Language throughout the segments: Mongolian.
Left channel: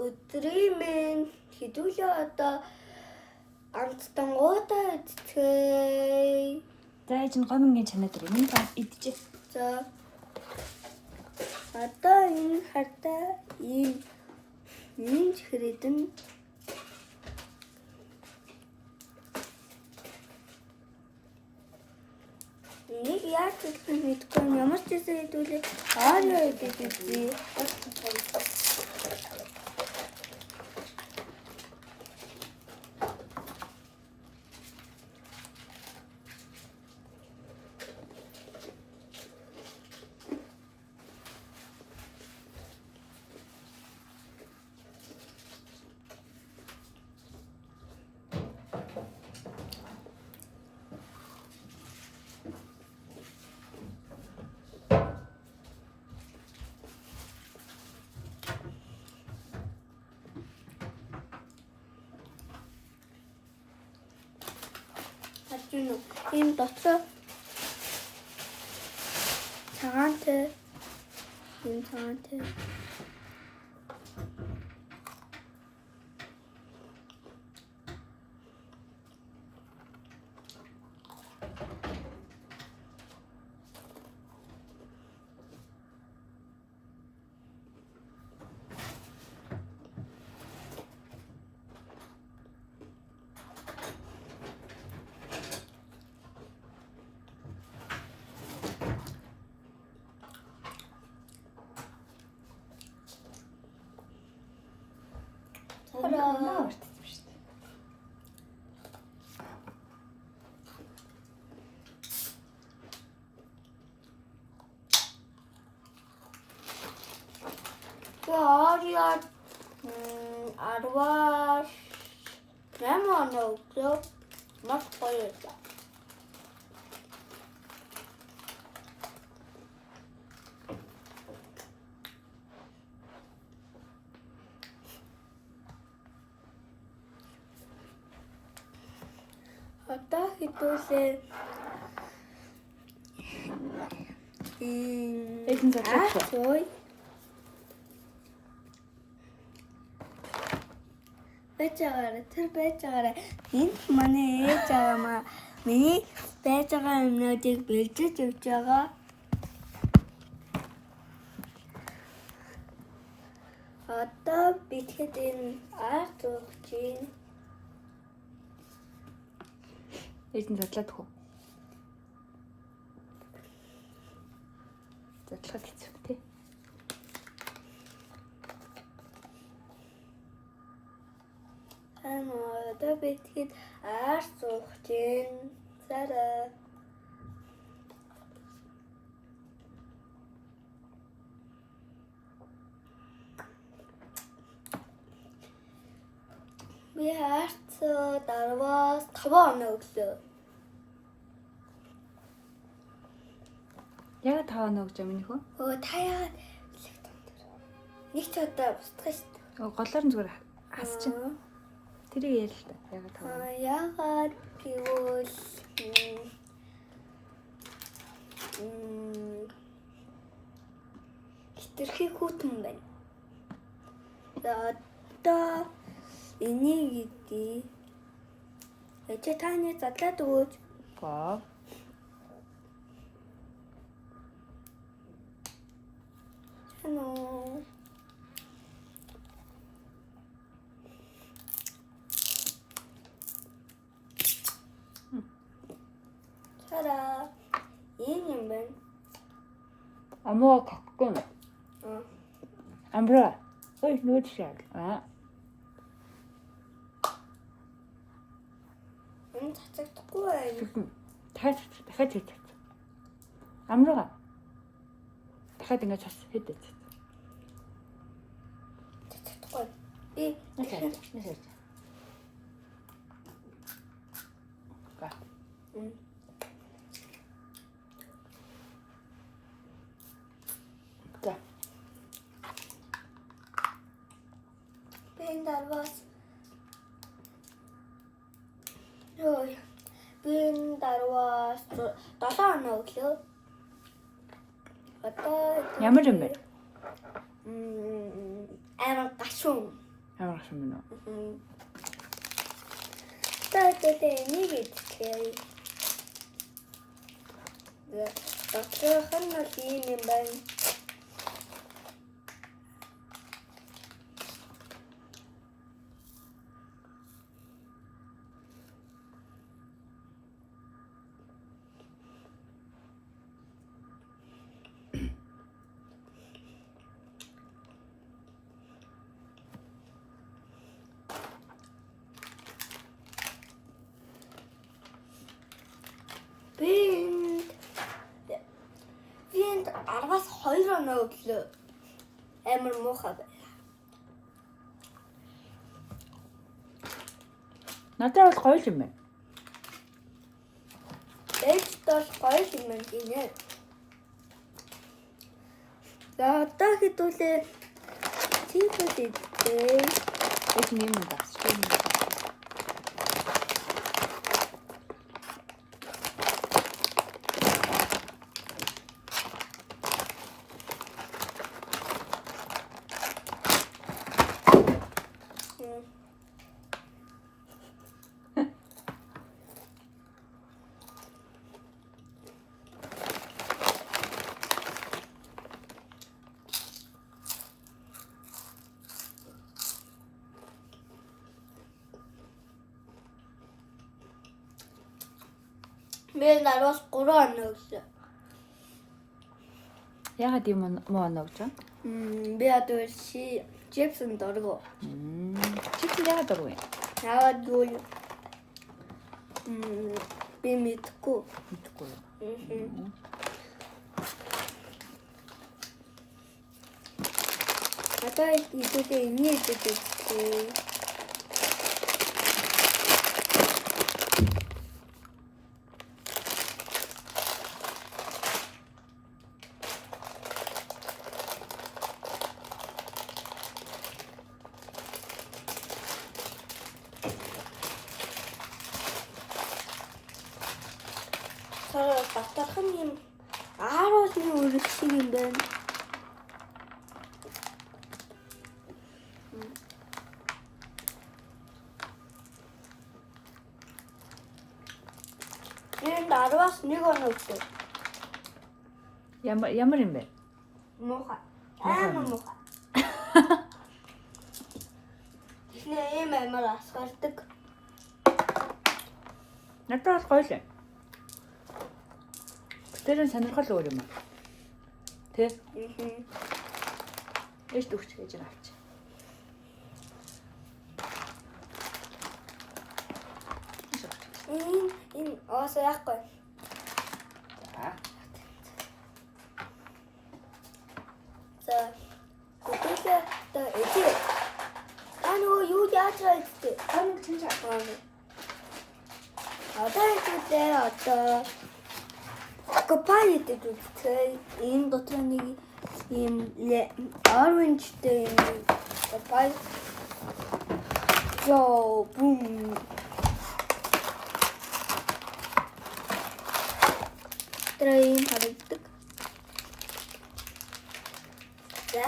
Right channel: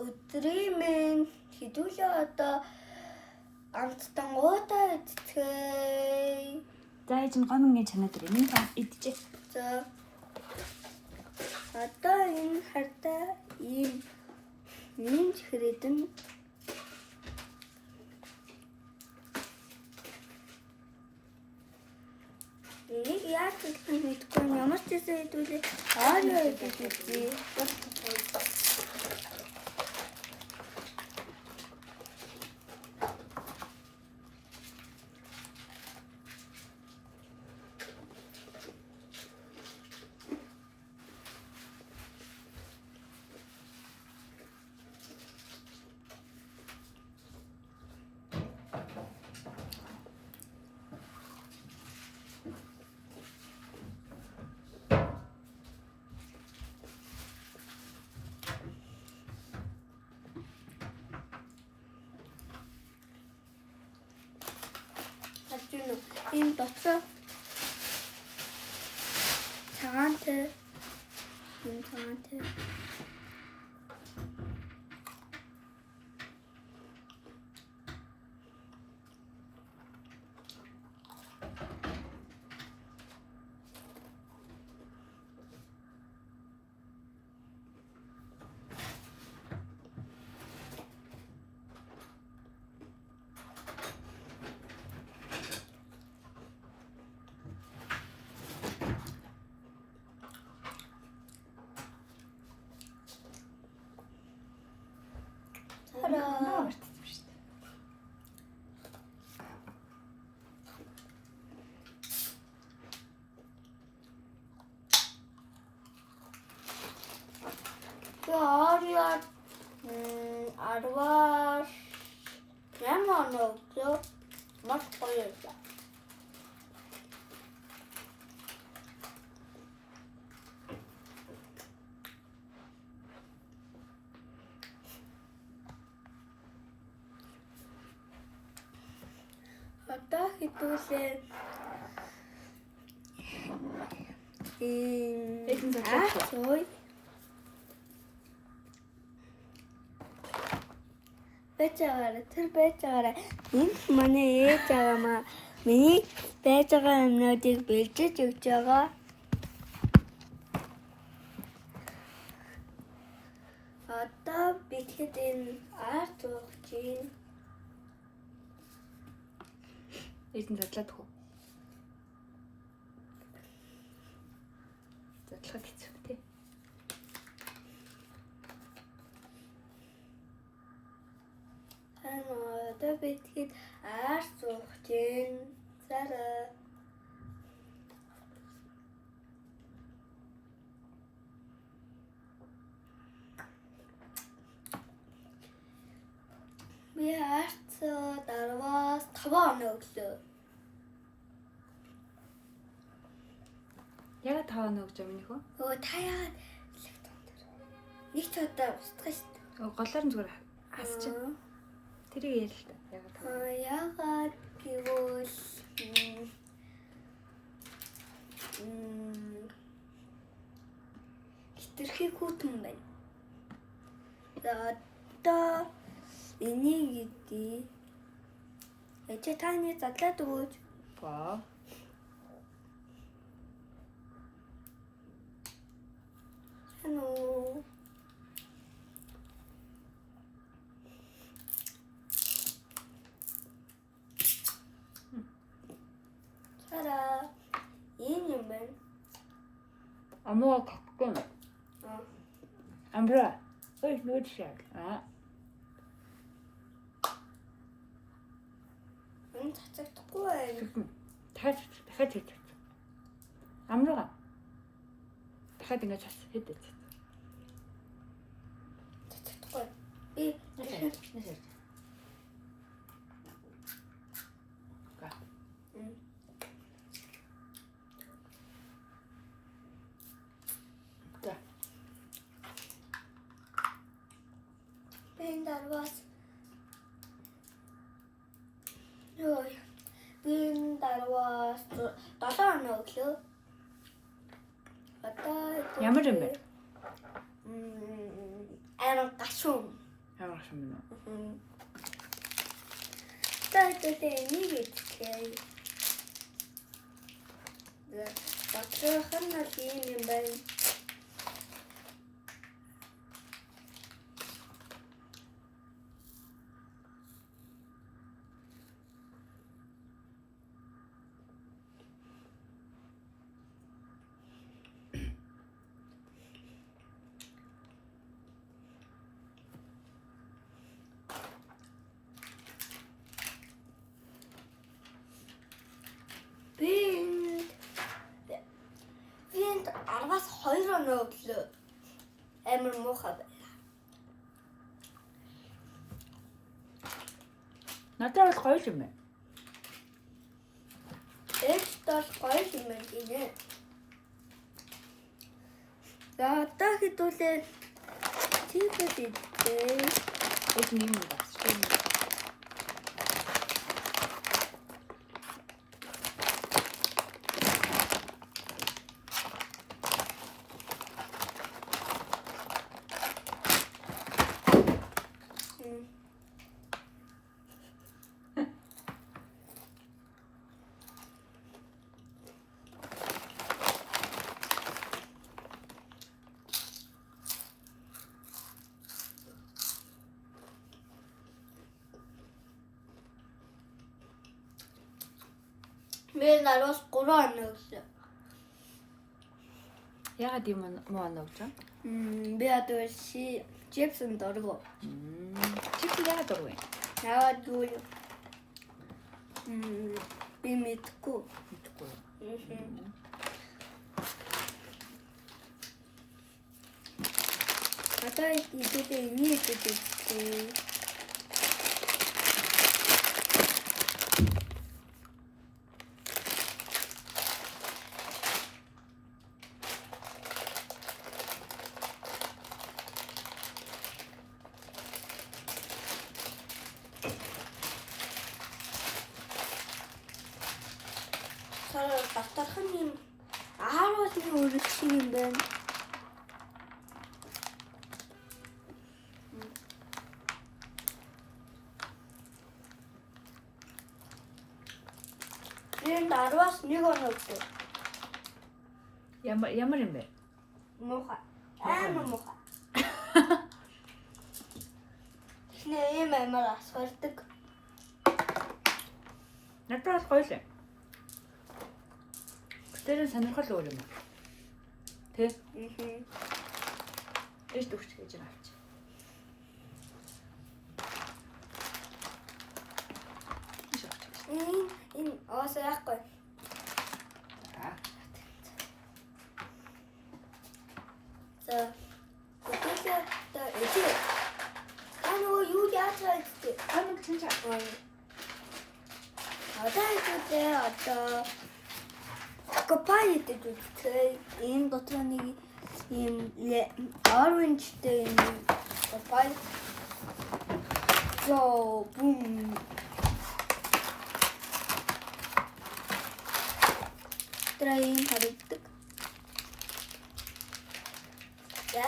Өдрийн минь хэдүүлээ одоо амттан уудаа идчихээ. За ээж нь гомингийн чанаа дээр минь идчихээ. За. Одоо энэ хартаа ийм хэрэдэн нэг яаж гэдгийг мэдгүй ямар ч зүйл хэдүүлээ Арио гэдэг үзье. Энэ доцоо цагаантай энэ цагаантай Арио 18 он өглөө маш гоё байсан. Одоо хэдүүлээ ой бэжагаараа энэ манай ээж аваа миний байж байгаа юмнуудыг бэлдэж өгч байгаа. Одоо битгэд энэ арт өгч юм. Эзэн задлаад хөө. Задлахад хэцүү тий. Одоо битгэд арт өгч юм. Сараа. Би арт дарваас 5 он өглөө. Яг 5 он өгч юм нөхөө. Өө та яагаад нэг ч удаа устгах шүү дээ. Голоор нь зүгээр хасчих. Тэрийг ярил л та. Яагаад гэвэл хитрхи хүүтэн байна. Одоо энийг идэ. Эцэг таны задлаад өгөөч. Аа. Хано. Тара. Энэ юм байна. Амуу татсан. Амбра. Ой, нүд шаг. Энэ цацагдахгүй байна. Дахиад цац. Амраа. Дахиад ингэ цац хэд. Цацагдахгүй. Нэсэж. Ben darvas. Rồi. Ben darvas. 7 он өглөө. Одоо Ямар юм бэ? Арай гашуун. Аврах юм уу? Таатай энийг идчихээ. Доторх нь л юм байна. Энд 10-аас 2 оноо өглөө амар муухай байна. Надад бол гоё юм байна. Ээж бол гоё юм байна гинэ. За одоо хэдүүлээ тиймээс идээ. Эд нэм юм бас. Мен 10-аас 3 оноо өглөө. Ягаад юм муу оноо гэж вэ? Би одоо чипсэн дөргөө. Чип яагаад дөрвөө? Яагаад гэвэл би мэдгүй. Одоо хэдүүлээ энийг идэх. Батархан юм 10-ийн өргөсөн юм байна. Энд 10-аас 1 оноо өглөө. Ямар юм бэ? Муухай. Амар муухай. Эхний ийм амар асгардаг. Надад бол гоё л. Тэр сонирхол өөр юм уу? Тэ? Ээж дүүч гэж байгаа авч. Энэ оосаахгүй. За. Тэгэлээ та эцэг. Анаа юу яаж байцтэй? Хамаг чинь чаа. Одоо Копай идэж үзтээ. Энэ дотор нэг юм оранжтэй юм копай. Зоо бум. Трэйн харагддаг. За.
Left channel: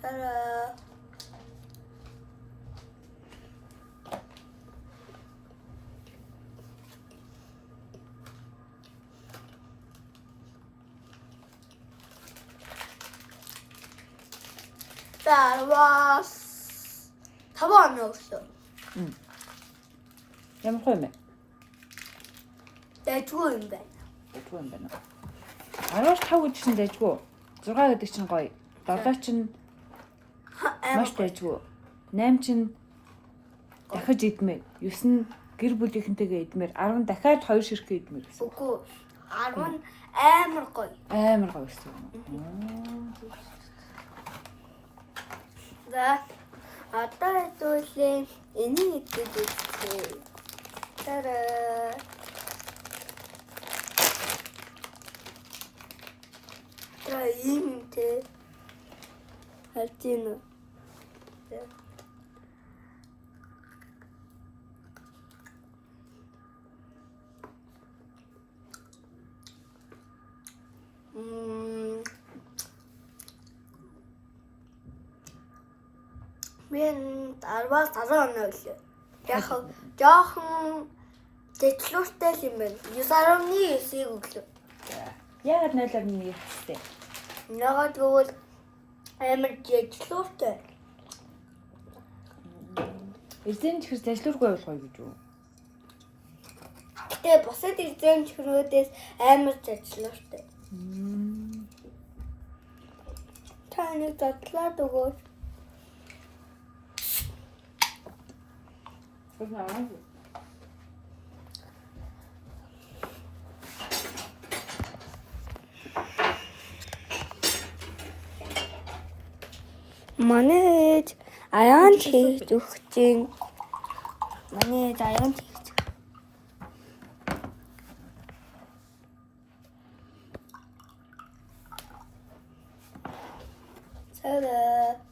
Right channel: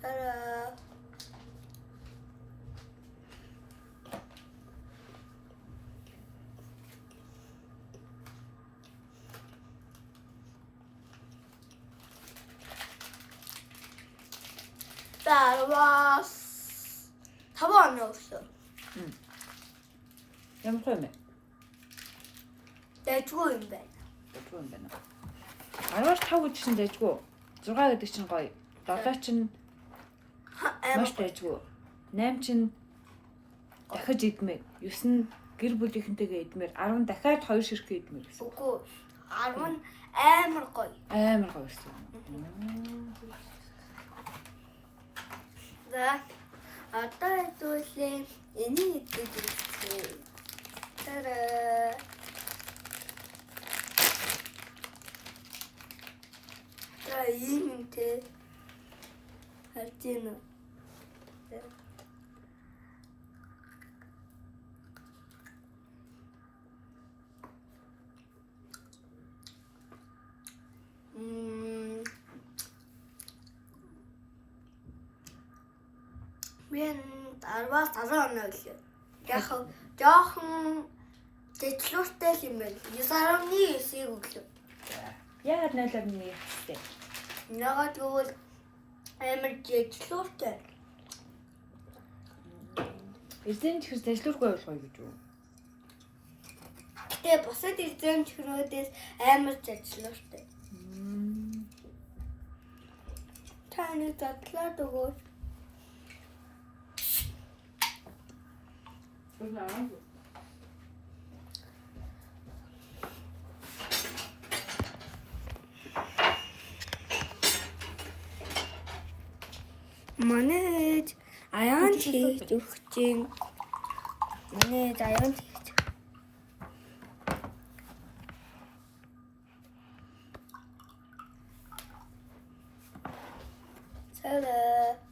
Тара. Тарвас. Таван өглөө. Ямар хөө мэ? Дэжгүй юм байна. Дэжгүй юм байна. 15 гэдгсэн дэжгүй. 6 гэдэг чинь гоё. 7 чинь маш дэжгүй. 8 чинь дахиж идмээр. 9 нь гэр бүлийнхэнтэйгээ идмээр. 10 дахиад 2 ширхэг идмээр. Үгүй 10 амар гоё. Амар гоё гэсэн. За одоо хэдүүлээ энийг идэж үзье. Тара. Тара юм те. Хатина. Би 10-аас 10 оноо гэлээ. Яг жоохон дэвшлүүртэй юм байна. 9.9-ийг өглөө. Яагаад 0.1 хэвчтэй? Ягаад гэвэл амар дэвшлүүртэй. Эзэн чихс дэвшлүүргүй болохгүй гэж үү? Гэтэ бусад эзэн чихнүүдээс амар дэвшлүүртэй. Та нэг задлаад өгөөч. Манай аян хийж өгч чинь. Манай аян хийж. Сара.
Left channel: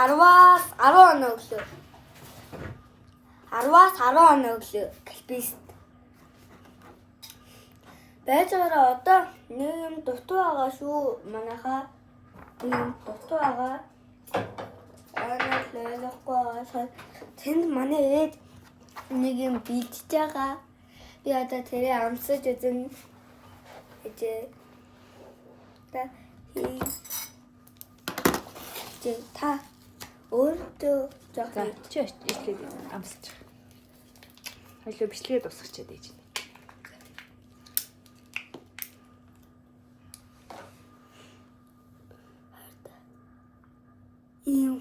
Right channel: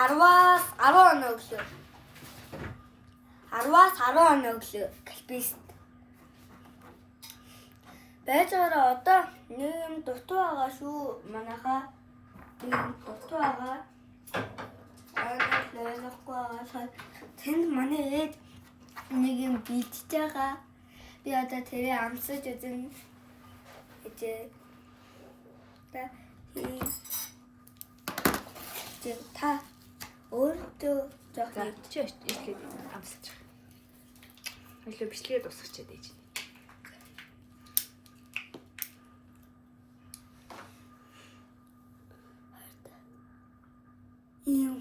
Арвас 10 оноо өглөө. 10-аас 10 оноо өглөө. Гэлбист. Байцаараа одоо нэг юм дутуу байгаа шүү. Манайхаа нэг юм дутуу байгаа. Лайлахгүй байгаа. Тэнд манай ээж нэг юм бийдэж байгаа. Би одоо тэрээ амсаж үзэн. Та өөртөө жоох чи ичлээд амсаж байгаа. Хоёлоо бичлэгээ дуусгачаад ээж. Юм.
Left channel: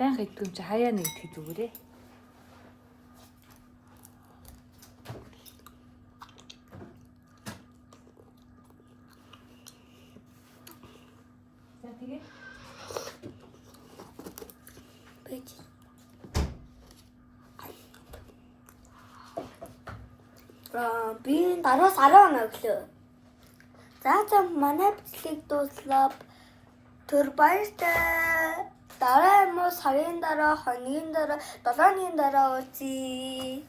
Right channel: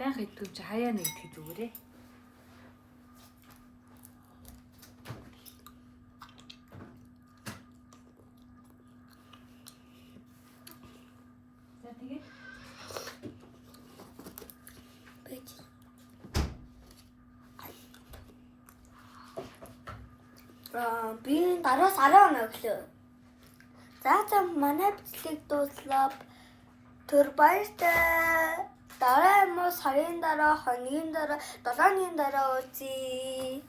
Баян идэх юм чи хаяа нэг идэх зүгээрээ. За тэгээд би 10-аас 10 оноо өглөө. За манай бичлэг дууслаа. Төр баяртай. Дараа юм уу сарын дараа, хоногийн дараа, 7 өдрийн дараа уулзъя.